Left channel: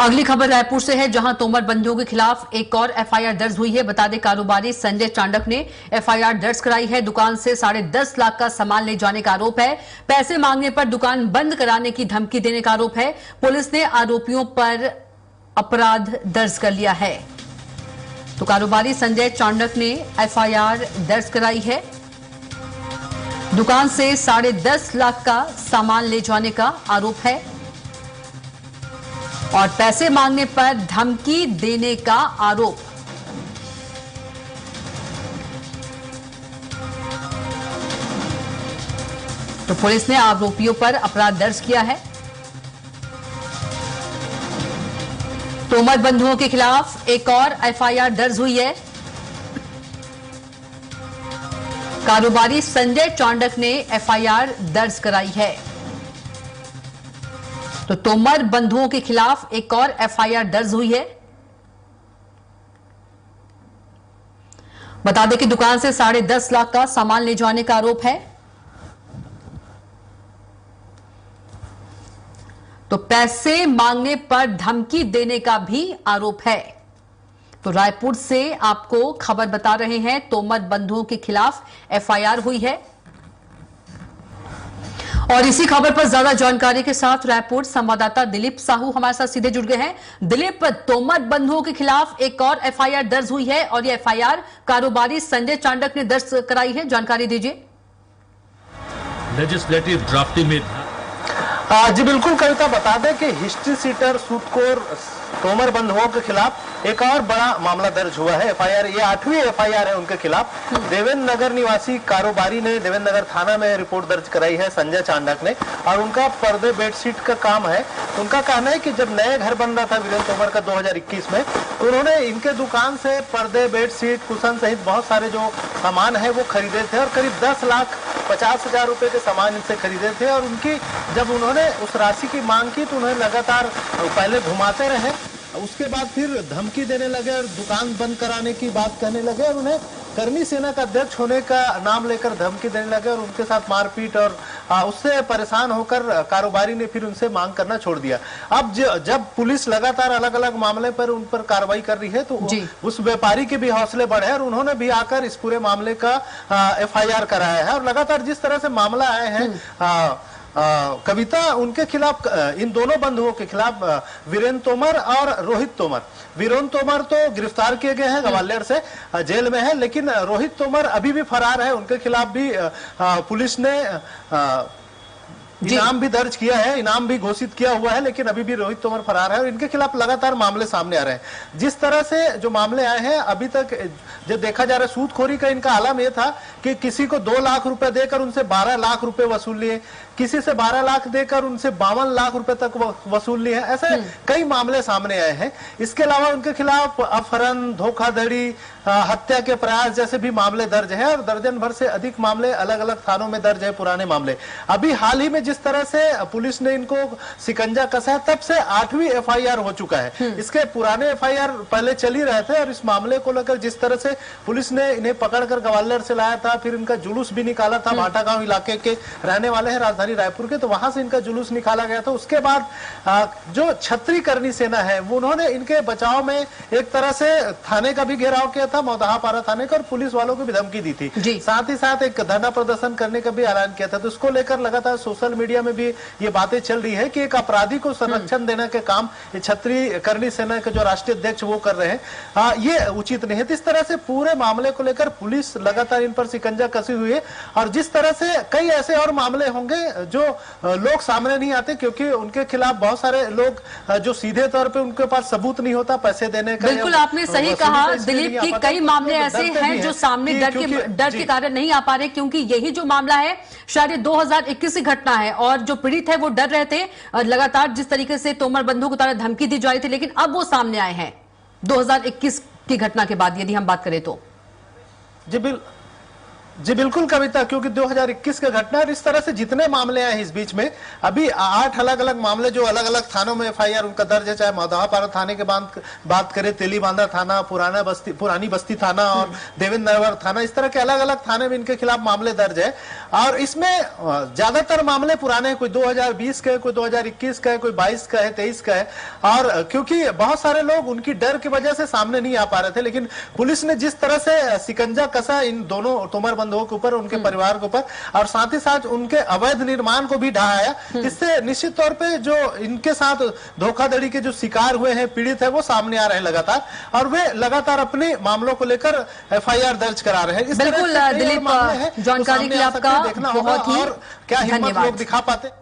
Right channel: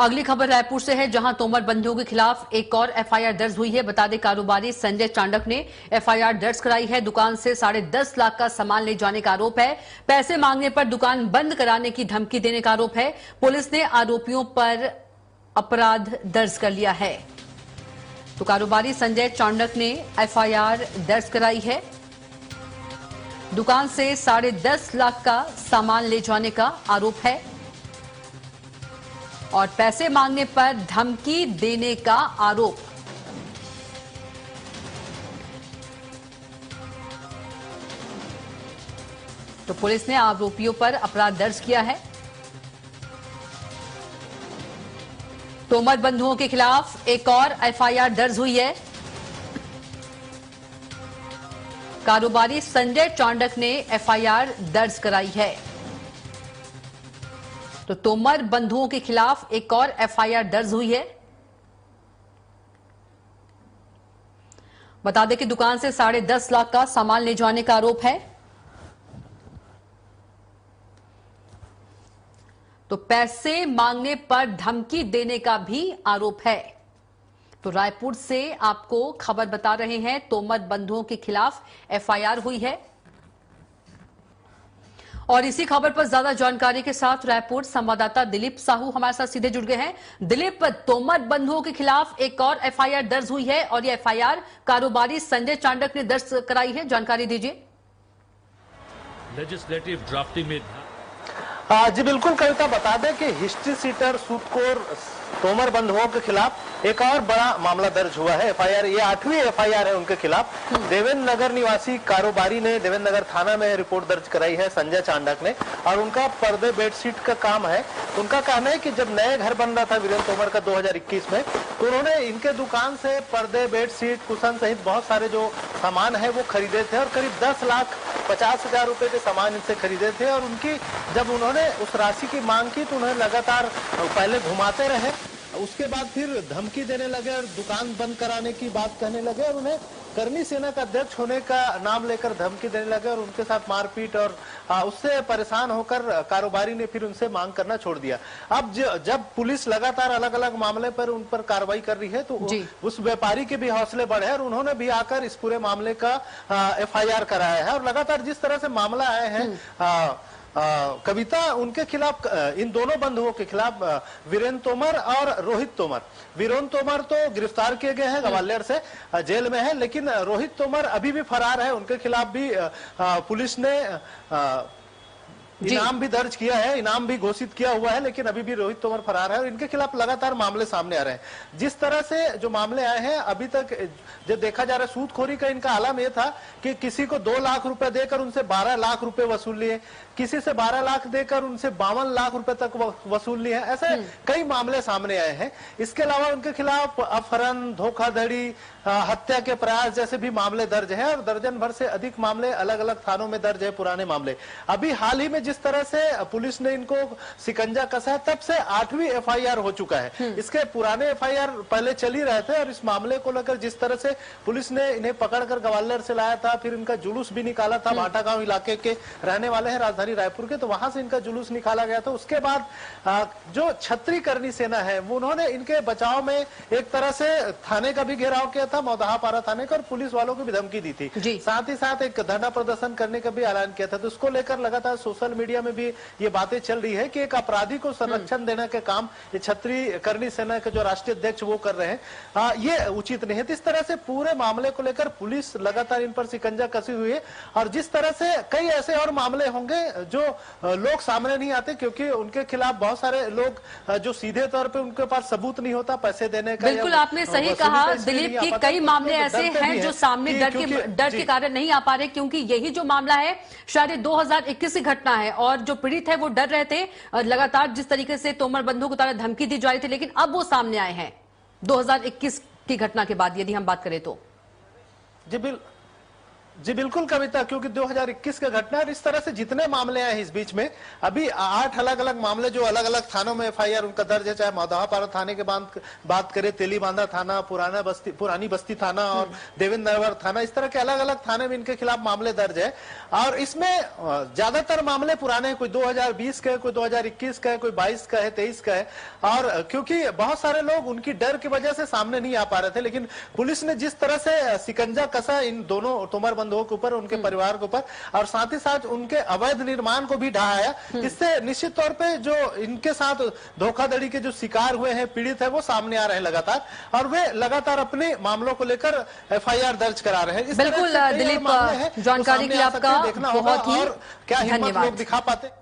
अगली खबर रायपुर से है, जहां तोमर बंधुओं के खिलाफ एक और एफआईआर दर्ज हुई है। बता दें, कारोबारी संजय चांडक ने एफआईआर दर्ज कराई है। दुकान से 10.5 लाख का सामान ले जाने का आरोप है। पैसे मांगने पर दुकान बंद कराने की धमकी देने का आरोप है। पुलिस ने आरोपियों पर अपराध दर्ज कर लिया है। तो कारोबारी संजय चांडक ने एफआईआर दर्ज कराई है। दुकान से 10.5 लाख का सामान ले जाने का आरोप है और पैसे मांगने पर धमकी देने का आरोप। तो पुलिस ने आरोपियों पर अपराध दर्ज किया है। तोमर बंधुओं के खिलाफ एक और एफआईआर दर्ज हुई है। कारोबारी संजय चांडक ने एफआईआर दर्ज कराई है। तो तोमर बंधुओं के खिलाफ एक और एफआईआर दर्ज हुई है। बता दें कि दुकान से 10.5 लाख का सामान ले जाने का आरोप है। तो पैसे मांगने पर धमकी देने का भी आरोप है। तो रायपुर से आपको खबर बता रहे हैं, तोमर बंधुओं के खिलाफ एफआईआर हुई है। और इसी खबर पर ज्यादा जानकारी के साथ रायपुर संवाददाता दिलीप साहू हमारे साथ सीधे जुड़ गए हैं। दिलीप, तोमर बंधुओं के खिलाफ एक और एफआईआर दर्ज हुई है और यह एफआईआर कारोबारी संजय चांडक ने दर्ज कराई है। जानकारी दीजिए। लेजिस्लेटिव ड्राफ्टिंग में जी बिल्कुल कविता, बता दें कि हिस्ट्री सीटर सूदखोर तोमर बंधुओं के खिलाफ एक और बड़ा मामला दर्ज हुआ है। एफआईआर, ये 8वीं एफआईआर है उनके खिलाफ। देवेंद्र नगर निवासी कारोबारी ने देवेंद्र नगर थाना में रिपोर्ट दर्ज कराई है संजय चांडक ने, और उनका पर्दे बेडशीट का काम है। उनका कहना है कि जब नया घर बन रहा था वीरेंद्र तोमर का 2021 में, तो उन्होंने इनके दुकान से पर्दे, बेडशीट, कुशन सहित बहुत सारे जो सामान है वो खरीदे थे और करीब 10,50,000 रुपए के सामान इनसे खरीदे थे। और उनकी जब उन्होंने उस राशि की मांग की तो उन्हें लगातार पहले घुमाते रहे, उसके बाद फिर धमकी देने लगे और दुकान बंद कराने की बात कहने लगे और उन्हें कर्मी सेना का अध्यक्ष होने का नाम लेकर धमकी देने लगे और उनके साथ मारपीट, और उससे परेशान होकर कारोबारी ने फिर उनसे मांग करना छोड़ दिया। अब जब पुलिस लगातार अलग अलग मामले पर उन पर कार्रवाई कर रही है तो उस व्यापारी के भी हौसले बढ़े और उन्होंने भी आकर इस पूरे मामले का एफआईआर कराया है। और लगातार जिस तरह से मामला आए हैं कविता, उनके खिलाफ, इन दोनों बंधुओं के खिलाफ, वीरेंद्र तोमर और रोहित तोमर, वीरेंद्र तोमर तो गिरफ्तार किए गए हैं, ग्वालियर से जेल में है, लेकिन रोहित तोमर अभी भी फरार है। उनके खिलाफ भी पुलिस ने इनाम भी दर्ज किया है, इनाम भी घोषित किया हुआ है, लेकिन अभी भी रोहित तोमर फरार है और इनके खिलाफ लगातार मामले सामने आ रहे हैं। जिस तरह से जो मामले आए हैं अभी तक जो देखा जा रहा है, सूदखोरी का इनका आलम यह था कि किसी को 2 लाख रुपए देकर उनसे 12 लाख रुपए वसूल लिए, किसी से 12 लाख देकर उनसे 52 लाख रुपए तक वसूल लिए हैं। ऐसे कई मामले सामने आए हैं। इसके अलावा उनके खिलाफ अपहरण, धोखाधड़ी, हत्या के प्रयास जैसे भी मामले दर्ज हैं और दर्जन भर से अधिक मामले अलग अलग थानों में दर्ज है, पुराने मामले। अभी हाल ही में जिस तरह से पुलिस ने इनको शिकंजा कसा है, तब से 8वीं एफआईआर हो चुका है। इसके पुराने एफआईआर पहले चल ही रहे थे और इस मामले को लेकर जिस तरह से पुलिस ने इन्हें पकड़कर ग्वालियर से लाया था, फिर इनका जुलूस भी निकाला था। भाटा गांव इलाके के रहने वाले हैं, राजधानी रायपुर के, तो वहां से इनका जुलूस निकाला गया था। उसके बाद जो छत्री करनी सेना है वो उन्होंने इनके बचाव में एक तरह से थाने का भी घेराव किया था, मौदहापारा थाने का, और पुलिस वालों को भी धमकी दी थी। साथ ही साथ एक धरना प्रदर्शन करने का भी ऐलान किया था। तो इसको लेकर लगातार सोशल मीडिया में भी ये बातें चल रही है कि एक अपराधी को संरक्षण देने के काम ये छत्री करनी सेना के जो राष्ट्रीय अध्यक्ष वो कर रहे हैं, ये उचित नहीं है। इस तरह से पूरे मामले को लेकर पुलिस लगातार इन पर शिकंजा कसी हुई है। और जिस तरह से कई ऐसे और मामले होंगे जो लोग सामने नहीं आते, क्योंकि उनके खिलाफ बहुत सारे लोग जो सीधे तौर पे उनके पास सबूत नहीं होता पैसे देने का। बिल्कुल आपने सही कहा दिलीप कि कई मामले ऐसे हैं जो सामने डर के कारण नहीं आ पा रहे, क्योंकि यही जो मामला है शायद 2021 की घटना है और जो पीड़ित है वो डर रहे थे लगातार जिस तरीके से तोमर बंधुओं को धमकी दी जा रही थी, लेकिन अब वो सामने आए हैं 2021 की घटना के बाद, यदि हम बात करें तो। जी बिल्कुल कविता, क्योंकि 2021 का घटना है और इस तरह से जितने मामले आए इस बीच में, अभी 8 अलग अलग मामले जो अलग अलग थानों में एफआईआर उनका दर्ज है, चाहे मधुआपारा थाने के बात करें, तेलीबांधा थाना, पुरानी बस्ती थाना और देवेंद्र नगर थाना, इस तरह के अलग अलग थाने में इनके खिलाफ मामले दर्ज है। और इसमें ज्यादातर मामले पुराने, कोई 2020 के, कोई 2021 का है, कोई 22 का है, 23 का है। और क्योंकि बहुत सारे लोग उनकी डर की वजह से सामने नहीं आ पा रहे थे, लेकिन पुलिस ने जिस तरह से शिकंजा कसा इन दोनों तोमर बंधुओं के ऊपर, उनके परिवार के ऊपर, और साथ ही साथ उनके अवैध निर्माण को भी ढहाया, इससे निश्चित तौर पे जो इनके साथ धोखाधड़ी के जो शिकार हुए हैं, पीड़ित है, वो सामने आ रहे हैं लगातार, और वे लगातार अपने मामलों को लेकर एफआईआर दर्ज करा रहे हैं। बिल्कुल दिलीप, जानकारी के लिए आपका देखना होगा और क्या हिम्मत लोग दिखा पाते।